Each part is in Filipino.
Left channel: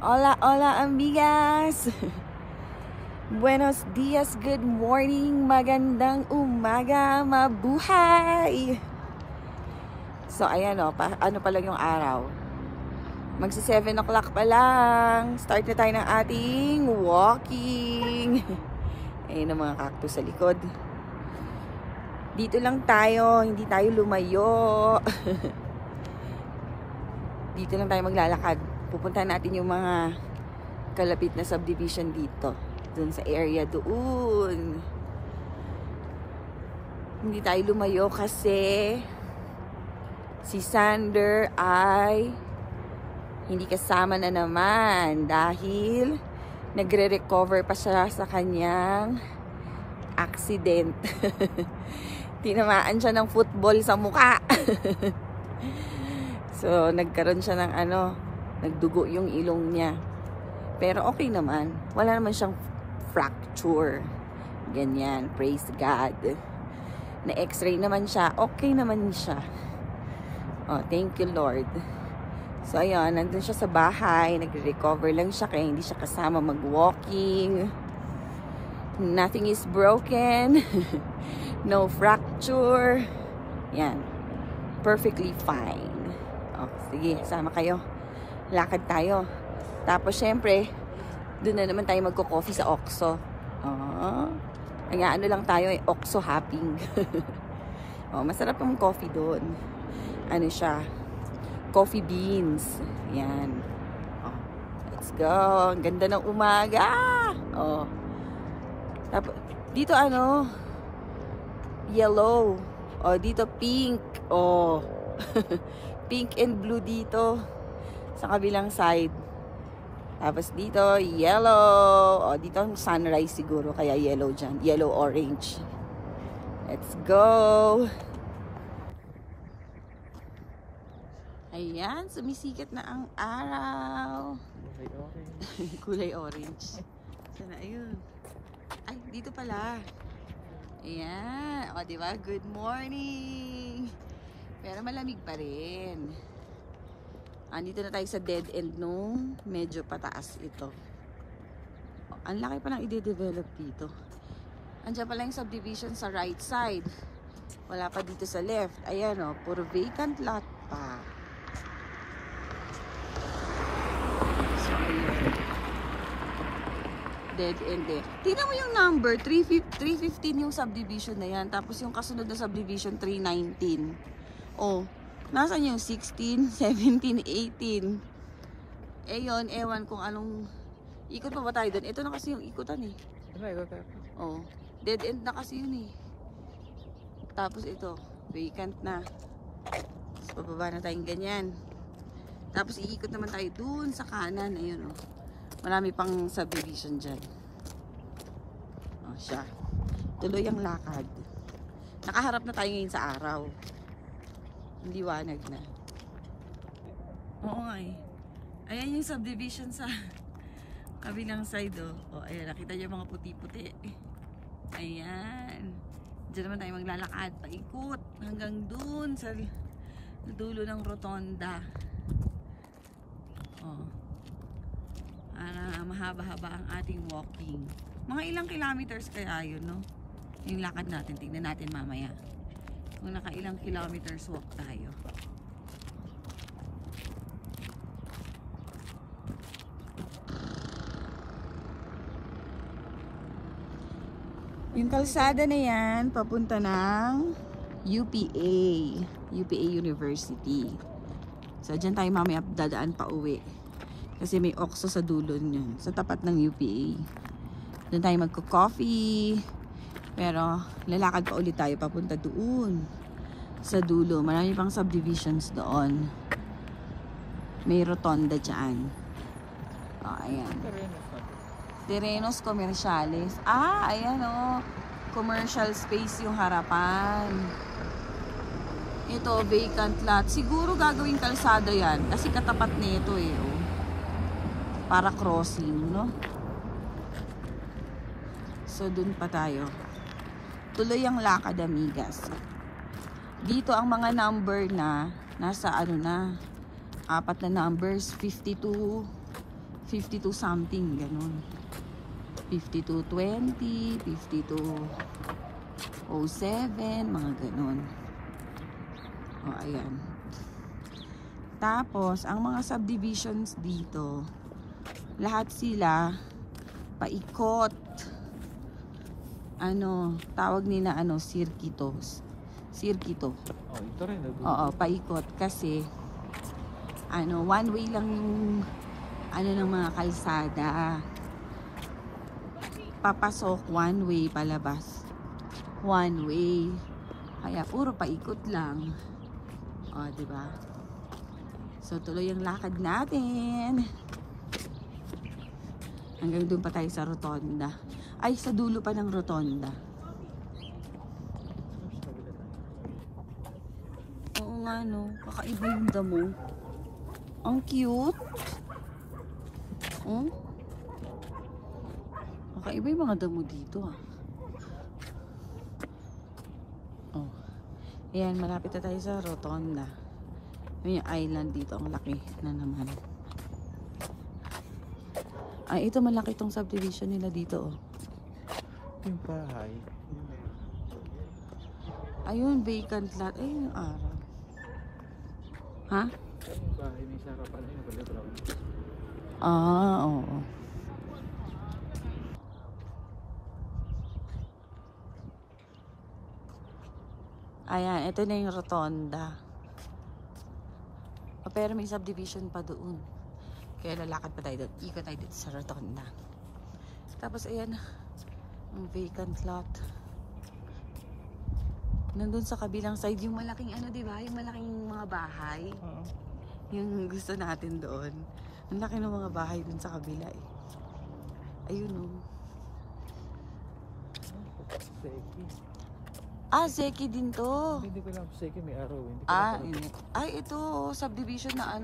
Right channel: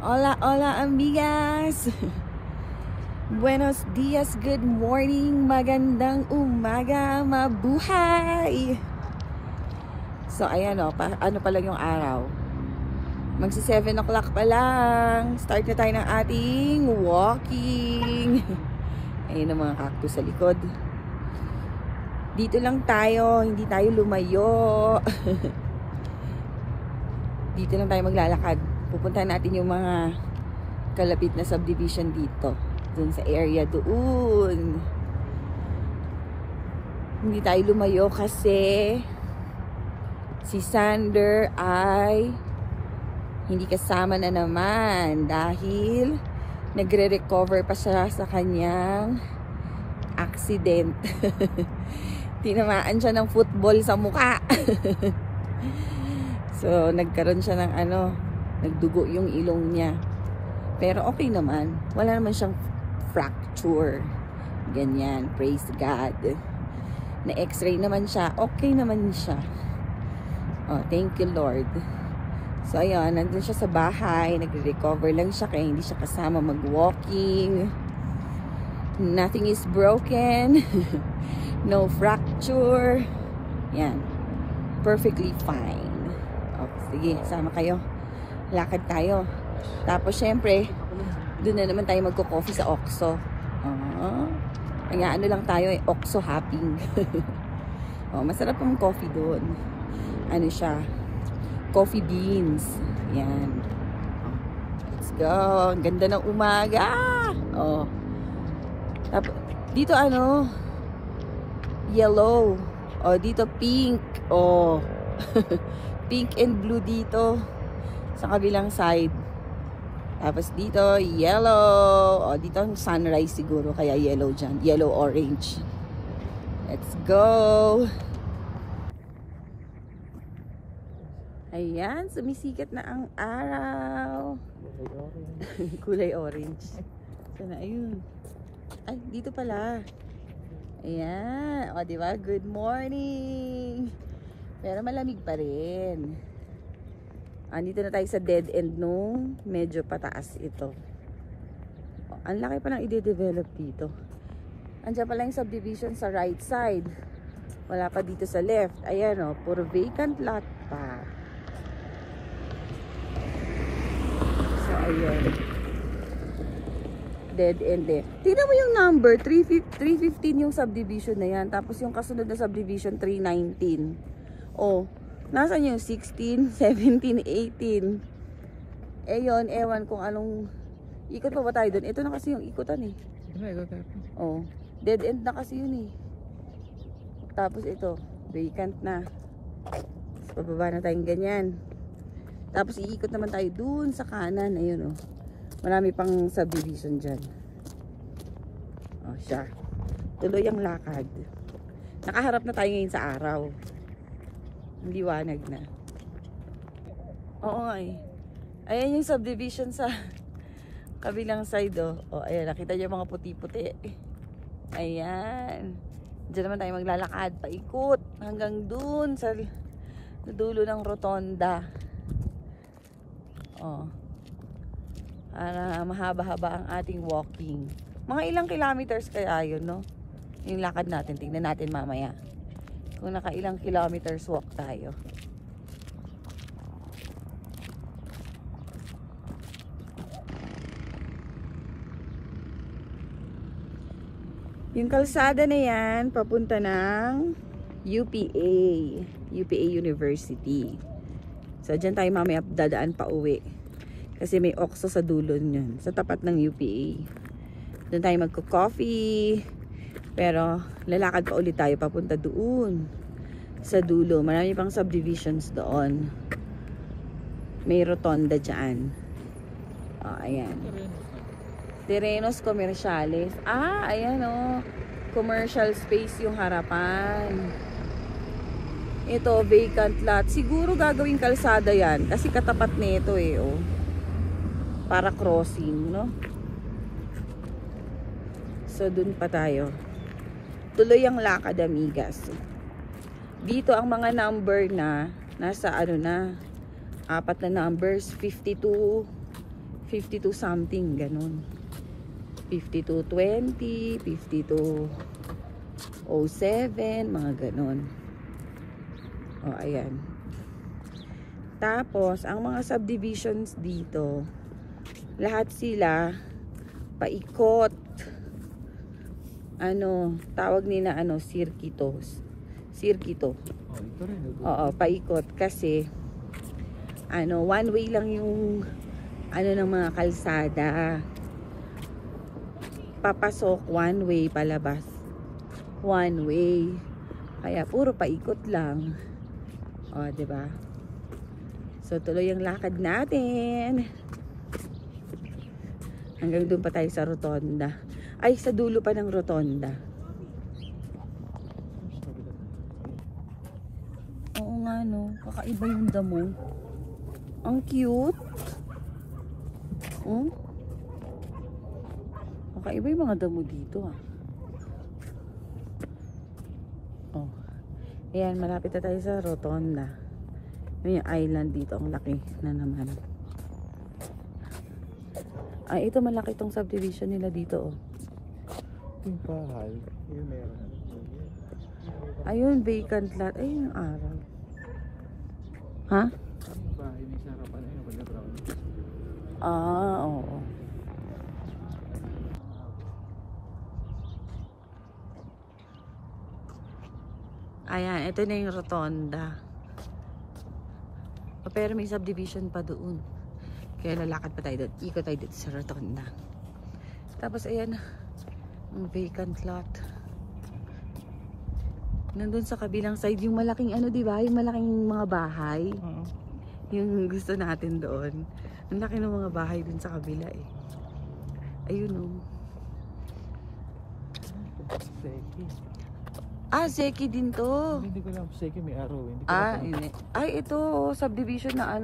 Hola, hola amigas! Buenos dias, good morning, magandang umaga, mabuhay! So ayan o, ano pa lang yung araw. Magsi 7 o'clock pa lang. Start na tayo ng ating walking. Ayun ang mga cactus sa likod. Dito lang tayo, hindi tayo lumayo. Dito lang tayo maglalakad. Pupuntahan natin yung mga kalapit na subdivision dito. Doon sa area doon. Hindi tayo lumayo kasi si Sander ay hindi kasama na naman dahil nagre-recover pa siya sa kanyang accident. Tinamaan siya ng football sa mukha. So nagkaroon siya ng nagdugo yung ilong niya. Pero okay naman. Wala naman siyang fracture. Ganyan. Praise God. Na x-ray naman siya. Okay naman siya. Oh, thank you Lord. So ayun, nandun siya sa bahay. Nagre-recover lang siya kaya hindi siya kasama mag-walking. Nothing is broken. No fracture. Yan. Perfectly fine. Oh, sige, sama kayo. Lakad tayo. Tapos syempre, doon na naman tayo magko-coffee sa Oxo. Kaya lang tayo Oxo hopping. Oh, masarap yung coffee doon. Ano siya? Coffee beans. Yan. Oh, let's go. Ang ganda ng umaga. Oh. Tapos dito yellow. Oh, dito pink. Oh. Pink and blue dito sa kabilang side. Tapos dito yellow. O dito ang sunrise siguro kaya yellow dyan. Yellow orange. Let's go. Ayan, sumisikat na ang araw. Kulay orange. Sana ayun. Ay, dito pala. Ayan. O diba? Good morning. Pero malamig pa rin. Andito na tayo sa dead end nung medyo pataas ito. Ang laki pa nang i-develop dito. Andiyan pala yung subdivision sa right side. Wala pa dito sa left. Ayan o, puro vacant lot pa. So, ayan. Dead end eh. Tingnan mo yung number, 315 yung subdivision na yan. Tapos yung kasunod na subdivision, 319. Oh, nasan yung 16, 17, 18? Eh yun, ewan kung anong ikot pa ba tayo doon. Ito na kasi yung ikutan eh. Oh, dead end na kasi yun eh. Tapos ito, vacant na. Tapos pababa na tayong ganyan. Tapos iikot naman tayo dun sa kanan. Ayun oh. Marami pang subdivision dyan. Oh, siya. Tuloy ang lakad. Nakaharap na tayo ngayon sa araw. Liwanag na. Oo nga eh. Ayan yung subdivision sa kabilang side oh. Oh, ayan, nakita niyo mga puti-puti. Ayan. Diyan naman tayo maglalakad, paikot hanggang dun sa dulo ng rotonda. Oh. Para mahaba-haba ang ating walking. Mga ilang kilometers kaya yun, no? Yung lakad natin, tingnan natin mamaya. Kung nakailang kilometers walk tayo. Yung kalsada na yan, papunta ng UPA. UPA University. So, dyan tayo mamaya dadaan pa uwi. Kasi may Oxo sa dulo yun. Sa tapat ng UPA. Doon tayo magko-coffee. Pero lalakad pa ulit tayo papunta doon sa dulo. Marami pang subdivisions doon. May rotonda dyan. Oh, ayan. Terrenos Comerciales. Ah, ayan oh. Commercial space yung harapan. Ito, vacant lot. Siguro gagawing kalsada yan. Kasi katapat nito eh oh. Para crossing, no? So, dun pa tayo. Tuloy ang lakad, amigas. Dito ang mga number na nasa 4 na numbers, 52, 52 something, ganun. 5220, 5207, mga ganun. O, ayan. Tapos, ang mga subdivisions dito, lahat sila paikot. Ano, tawag nila sirkito. Sirkito. Oh, ito rin. Oo, paikot kasi one way lang yung ng mga kalsada. Papasok one way, palabas one way. Kaya puro paikot lang. O, diba? So, tuloy ang lakad natin. Hanggang doon pa tayo sa rotonda. Ay, sa dulo pa ng rotonda. Oo nga, no. Kakaiba yung damo. Ang cute. Kakaiba yung mga damo dito, ah. Oh. Ayan, malapit na tayo sa rotonda. Yung island dito, ang laki na naman. Ay, ito malaki itong subdivision nila dito, oh. Yung bahay, yung meron. Ayun, vacant lot. Ayun yung araw. Ha? Yung bahay, may sarapan. Ayun, pala. Ah, oo. Ayan, ito na yung rotonda. Pero may subdivision pa doon. Kaya lalakad pa tayo doon. Ikot tayo dito sa rotonda. Tapos ayan, ang vacant lot. Nandun sa kabilang side, yung malaking diba? Yung malaking mga bahay. Yung gusto natin doon. Ang laki ng mga bahay dun sa kabila eh. Ayun oh. Ah, Zeki din to. Hindi ko lang Zeki, may araw. Hindi. Ay, ito subdivision na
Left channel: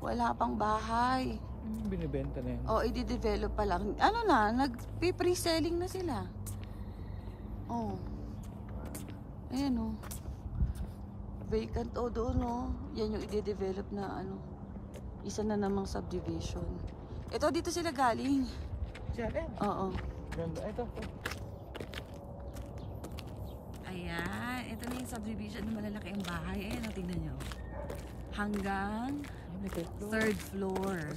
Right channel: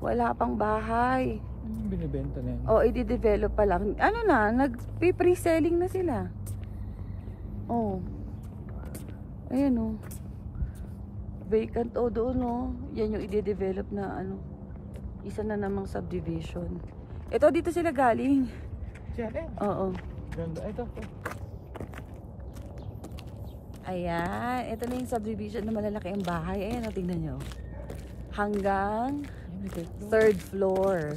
wala pang bahay. Binibenta na yun. O, i-develop pa lang. Nag-pre-selling na sila. Oh. Ayan oh. Vacant doon Yan yung i-develop na isa na namang subdivision. Ito, dito sila galing. Siya rin? Oo. Ito. Ayan. Ito na yung subdivision na malalaki ang bahay. Ayan, tingnan nyo. Hanggang third floor.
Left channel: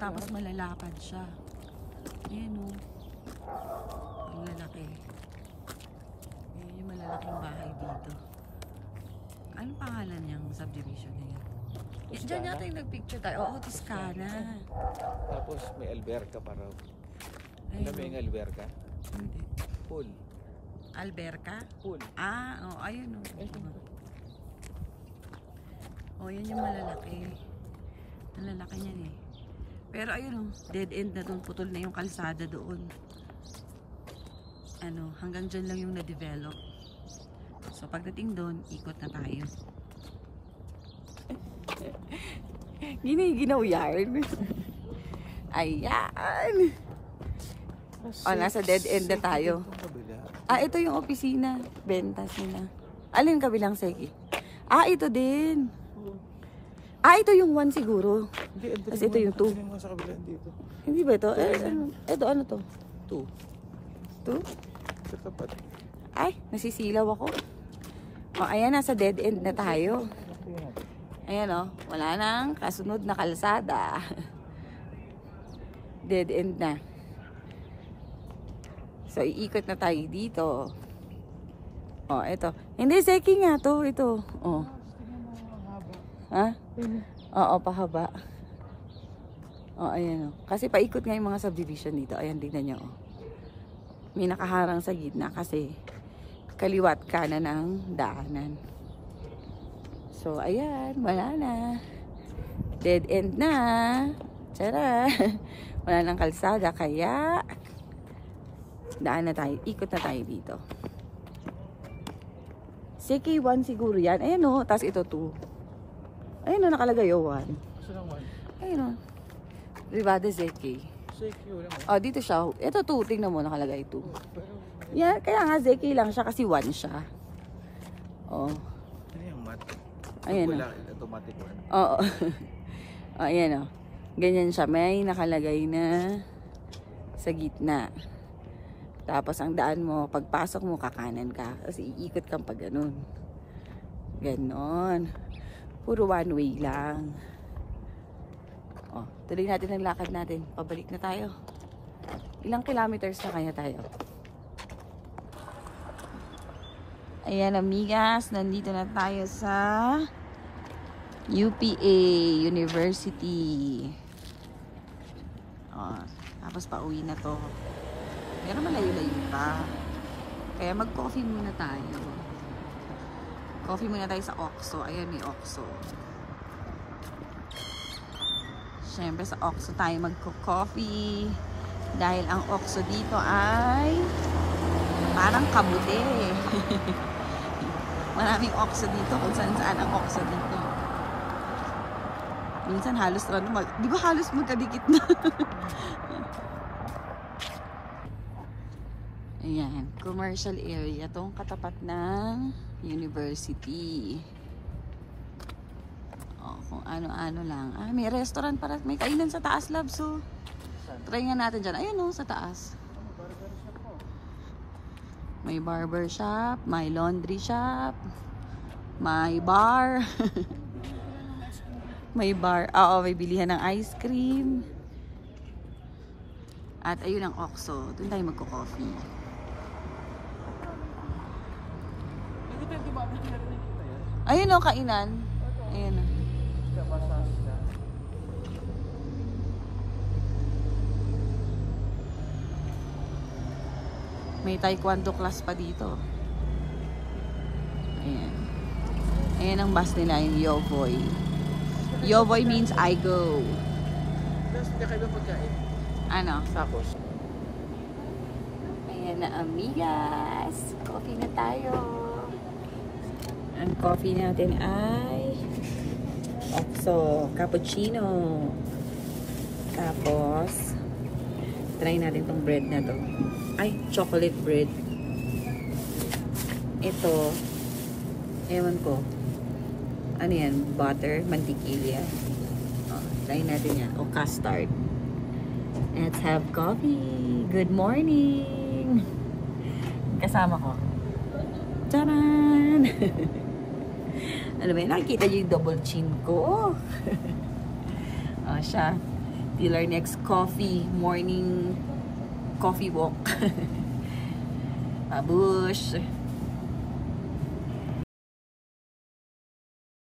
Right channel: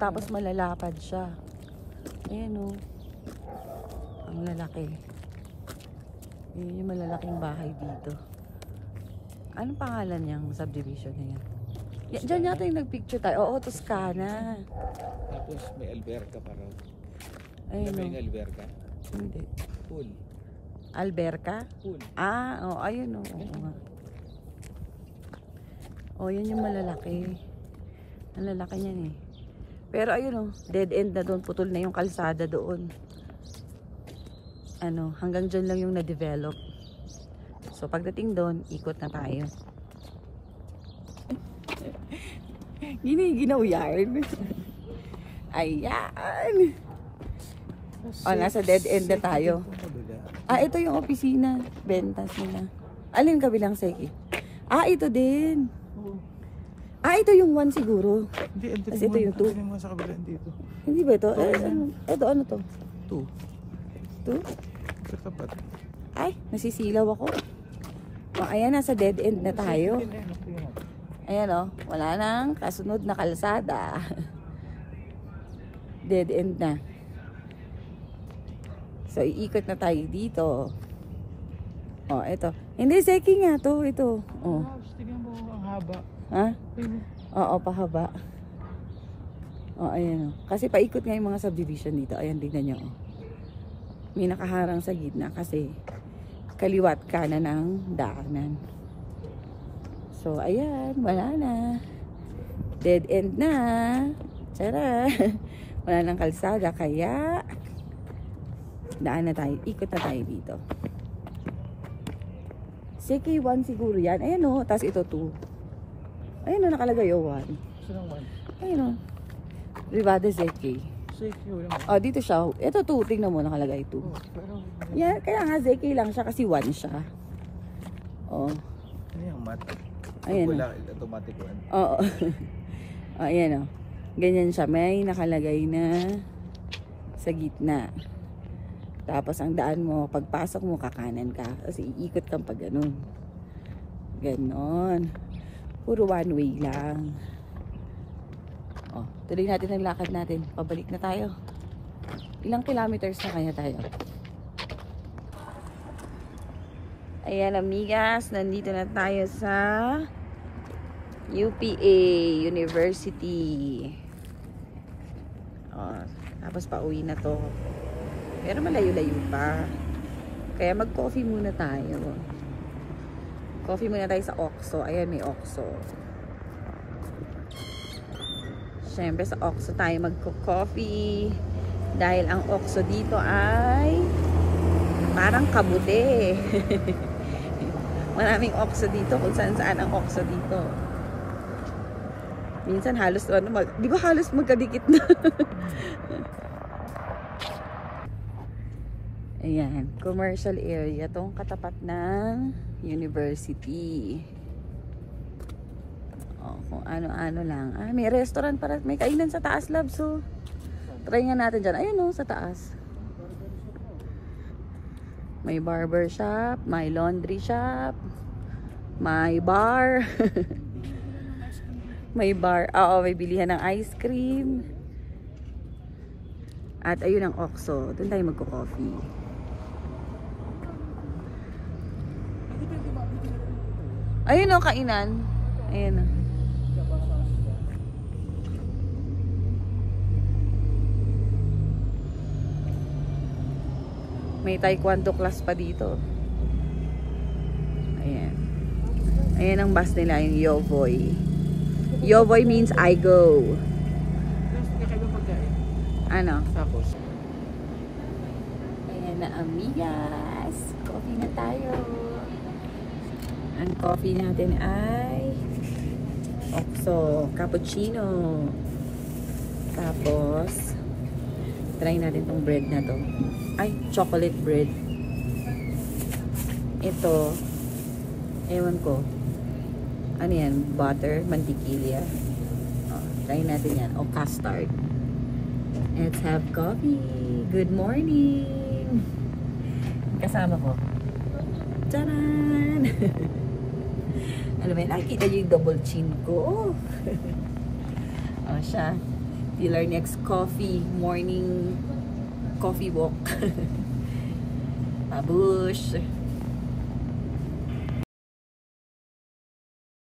Tapos malalapad siya. Ayan o. Ang lalaki. Ayan yung malalaking bahay dito. Anong pangalan niyang subdivision na yan? Diyan yata yung nagpicture tayo. Oo, Toscana. Tapos may alberca pa raw. Ayun. Alam mo yung alberca? Hindi. Pool. Alberca? Pool. Ayun o. Yan yung malalaki. Ang lalaki niyan eh. Pero ayun dead end na doon. Putol na yung kalsada doon. Hanggang dyan lang yung na-develop. So pagdating doon, ikot na tayo. Giniginaw yarn. Ayan. Nasa dead end na tayo. Ito yung opisina. Bentas nila. Alin kabilang Zeki? Ito din. Ito yung 1 siguro. Hindi, kasi ito yung 2. Sa kabila dito. Hindi ba ito? Ito ano to? 2? 2? Sa tapat. Ay, nasisilaw ako. Ayan, nasa dead end na tayo. Ayan wala nang kasunod na kalsada. Dead end na. So, iikot na tayo dito. Ito. Hindi, Zeki nga to. Ito. Tingnan mo ang haba. Ha? Oo, pahaba. Ayan Kasi paikot nga yung mga subdivision dito. Ayan, tignan nyo. May nakaharang sa gitna kasi kaliwat kanan ng daanan. So, ayan. Wala na. Dead end na. Tara. Wala nang kalsada. Kaya, daan na tayo. Ikot na tayo dito. Zeki 1 siguro yan. Ayan Tapos ito 2. Ayan nakalagay 1. Saan ang 1? Ayan Rivada Zeki. Zeki yun. Dito siya. Ito 2. Tingnan mo nakalagay 2. Yan. Kaya nga Zeki lang siya kasi 1 siya. Ano yung mat? Ayan Wala automatic 1. Oo. Ayan Ganyan siya. May nakalagay na sa gitna. Tapos ang daan mo, pagpasok mo, kakanan ka. Kasi iikot kang pag ganun. Ganon. Puro one way lang. Oh, tuloy natin ang lakad natin. Pabalik na tayo. Ilang kilometers na kaya tayo? Ayan, amigas. Nandito na tayo sa UPA University. Oh, tapos pauwi na to. Pero malayo-layo pa. Kaya mag-coffee muna tayo. Coffee muna tayo sa Oxo. Ayan, may Oxo. Siyempre sa Oxo tayo magko-coffee. Dahil ang Oxo dito ay parang kabude. Maraming Oxo dito kung saan-saan ang Oxo dito. Minsan halos di ba halos magkadikit na? Ayan, commercial area tong katapat ng university. Oh, kung ano-ano lang. Ah, may restaurant para, may kainan sa taas, love. So, try nga natin dyan. Ayun o, sa taas. May barber shop, may laundry shop, may bar. May bar. Oo, may bilihan ng ice cream. At ayun ang Oxo. Doon tayo magko-coffee. Ayun o, kainan. Ayun o. May taekwondo class pa dito. Ayan. Ayan ang bus nila, yung Yovoy. Yovoy means I go. Ano? Tapos. Ayan na, amigas. Coffee na tayo. Ang coffee natin ay Oxo cappuccino. Tapos try natin tong bread na to. Ay, chocolate bread. Ito, ewan ko. Ano yan? Butter, mantikilya. Oh, try natin yan. O custard. Let's have coffee. Good morning. Kasama ko. Tcharan! Ano ba yun? Nakikita niyo yung double chin ko. Oh, siya. Till our next coffee. Morning coffee walk. Mabush.